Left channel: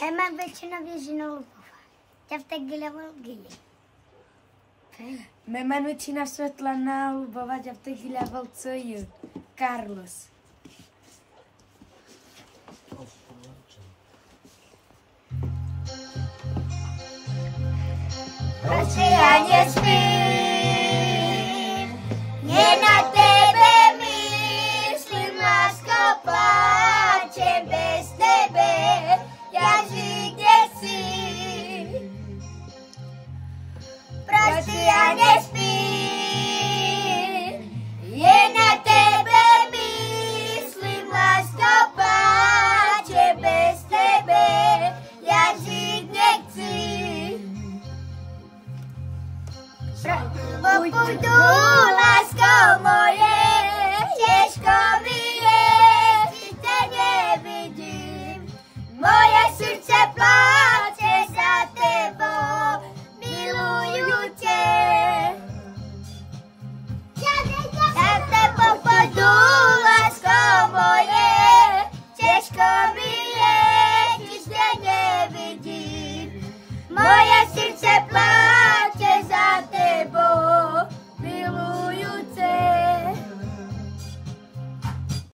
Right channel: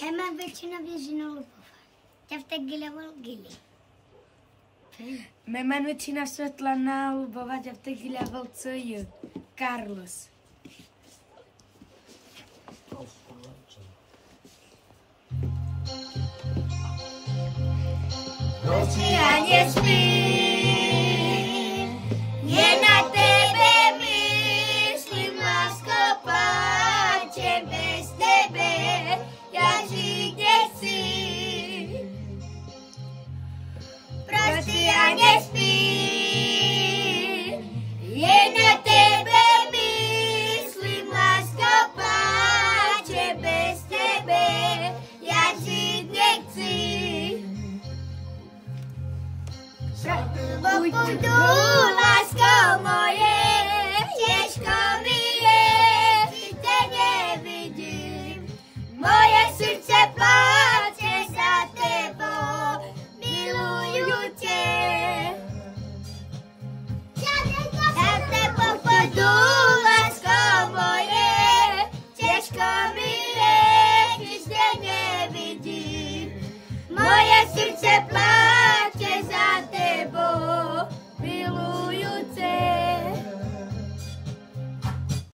Ja mám väčšina věžino Lubova. Já v té gileval gili. My mám většina Svetlana Lubova, já v té gileval co Carlos. Prosím, já nespím, je na tebe myslím, lásko, pláčem bez tebe, já žít nechci. Prosím, já nespím, je na tebe myslím, lásko, pláčem bez tebe, já žít nechci. Půjdu, lásko moje, těžko mi je, když tě nevidím. Moje srdce pláče za tebou, miluju tě. Za tebou půjdu, lásko moje, těžko mi je, když tě nevidím. Moje srdce pláče